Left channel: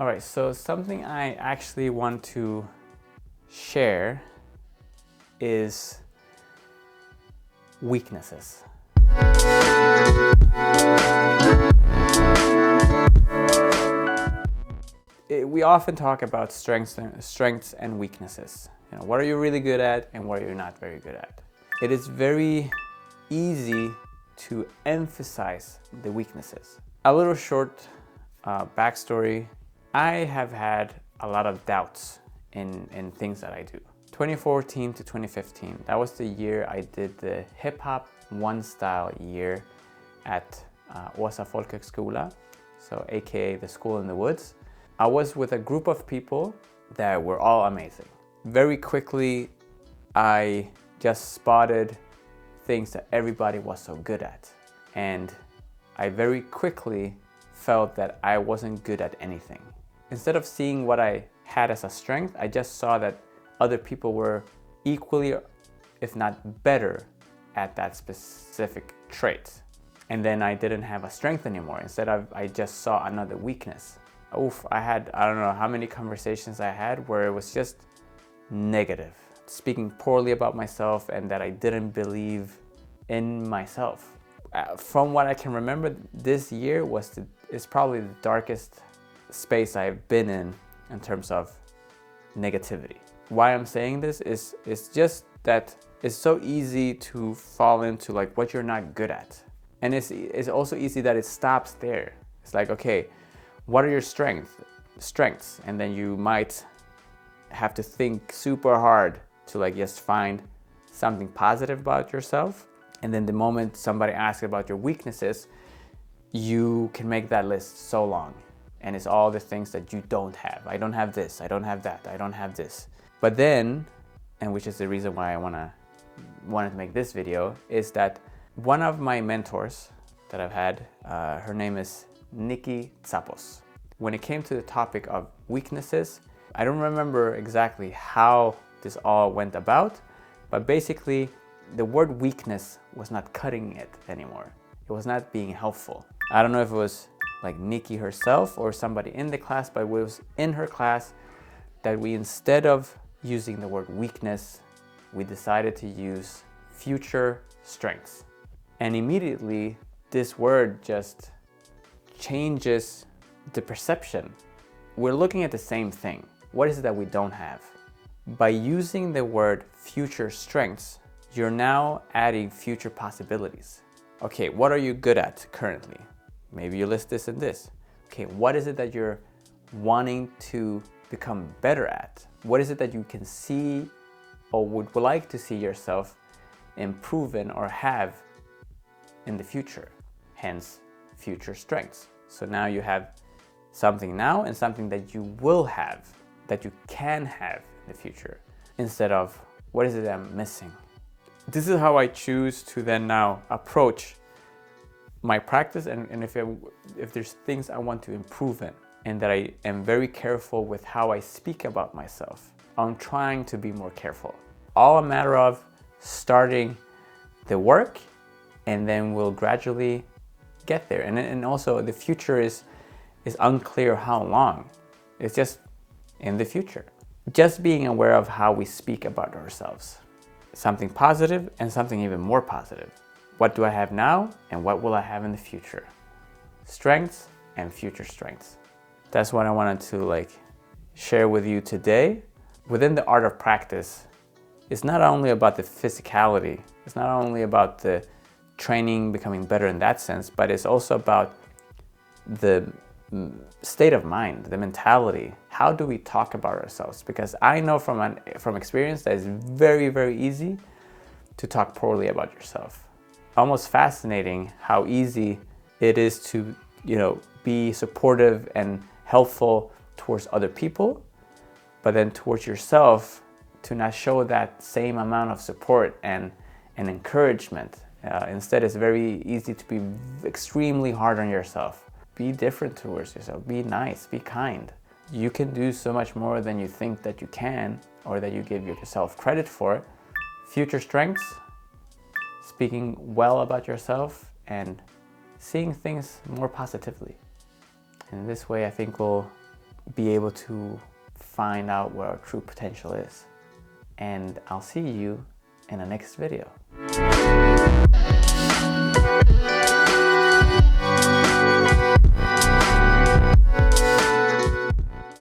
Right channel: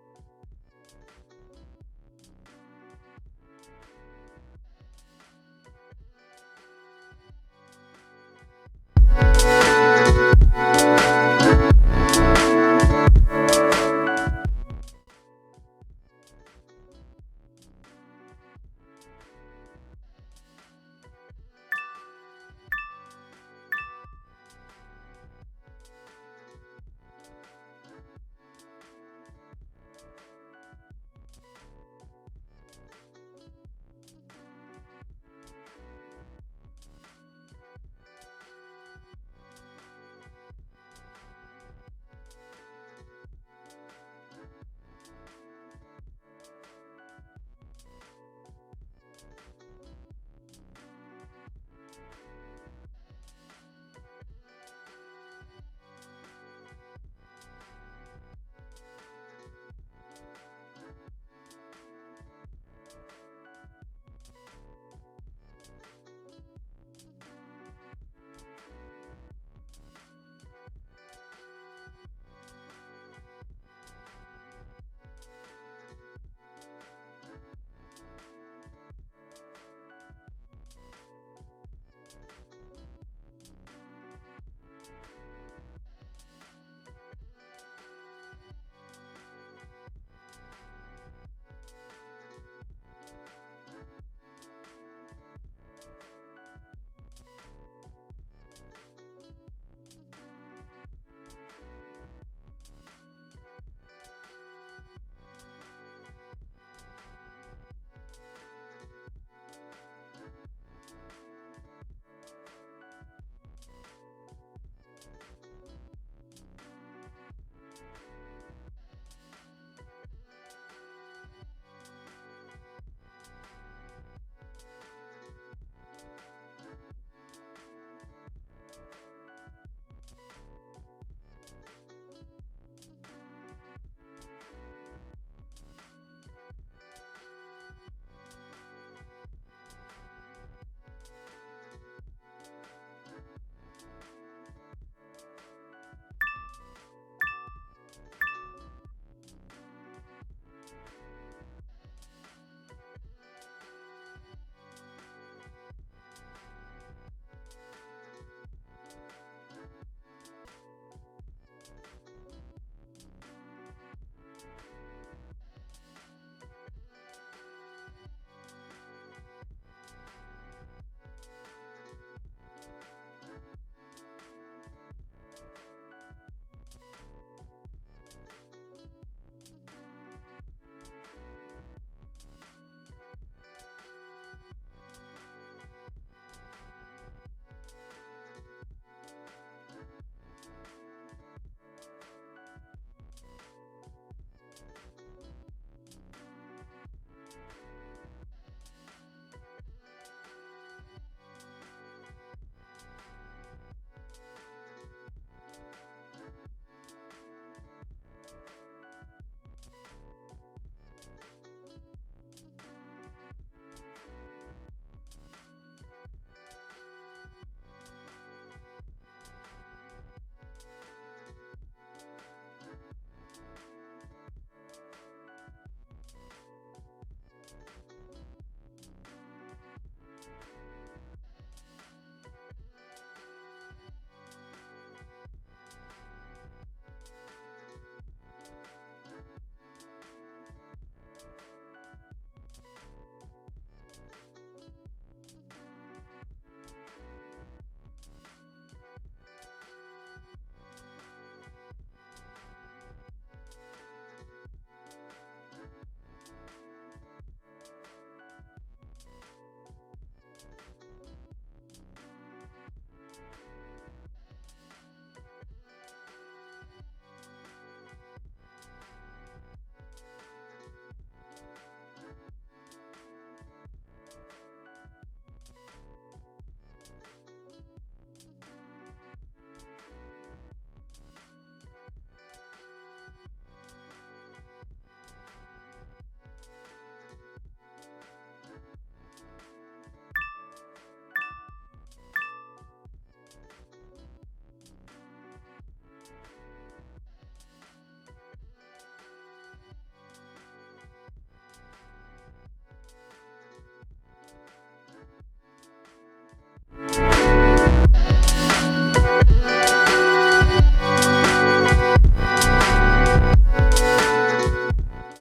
All right, so something I actually want to share is weaknesses. We often talk about strengths and weaknesses. You know, what are you really good at and what are you not very good at? It is very easy to emphasize the weaknesses. A little short backstory. I have had a lot of doubts in things that I do. 2014 to 2015, that was the year I did the hip hop one style year at Åsa Folkhögskola, so aka the school in the woods. I was with a group of people that were all amazing. Very quickly, I just spotted things that everybody was so good at. And I very quickly felt that I wasn't good at anything. Instead of seeing what I had as a strength, I just saw that other people were equally, if not better, at that specific trait. And then I didn't have a strength anymore. Instead, I just saw another weakness. I don't know how many conversations I had where it was just negative, speaking poorly about myself and that I didn't believe in myself. From what I can remember, this year is probably the darkest space I've been in terms of negativity. Why I'm saying this is just that it's so easy to fall into like what you're not good at. And it's also easy that it stops there. It's like, okay, what are your strengths? And then you might have to think super hard to like just find something positive about yourself. And then the moment somebody asks about your weaknesses, you can make that list so long. And it's all the things that you don't have. I don't have this, I don't have that, I don't have this. But then, and which is the reason why I wanted to make this video, is that one of my mentors that I've had, her name is Nikki Tsapos. When it came to the topic of weaknesses, I don't remember exactly how this all went about, but basically the word weakness was not cutting it anymore. It was not being helpful. I don't know if it was like Nikki herself or somebody in the class, but it was in her class that we, instead of using the word weakness, we decided to use future strengths. And immediately this word just changes the perception. We're looking at the same thing. What is it that we don't have? By using the word future strengths, you're now adding future possibilities. Okay, what are you good at currently? Maybe you list this and this. Okay, what is it that you're wanting to become better at? What is it that you can see or would like to see yourself improving or have in the future? Hence, future strengths. So now you have something now and something that you will have, that you can have in the future, instead of what is it that I'm missing? This is how I choose to then now approach my practice, and if there's things I want to improve in, and that I am very careful with how I speak about myself. I'm trying to be more careful. All a matter of starting the work, and then we'll gradually get there. And also the future is unclear how long. It's just in the future. Just being aware of how we speak about ourselves. Something positive and something even more positive. What do I have now and what will I have in the future? Strengths and future strengths. That's what I wanted to share with you today. Within the art of practice, it's not only about the physicality, it's not only about the training becoming better in that sense, but it's also about the state of mind, the mentality. How do we talk about ourselves? Because I know from experience that it's very, very easy to talk poorly about yourself. Almost fascinating how easy it is to, be supportive and helpful towards other people, but then towards yourself to not show that same amount of support and encouragement. Instead, it's very easy to be extremely hard on yourself. Be different towards yourself. Be nice. Be kind. You can do so much more than you think that you can, or that you give yourself credit for. Future strengths, speaking well about yourself and seeing things more positively. And this way, I think we'll be able to find out where our true potential is. And I'll see you in the next video.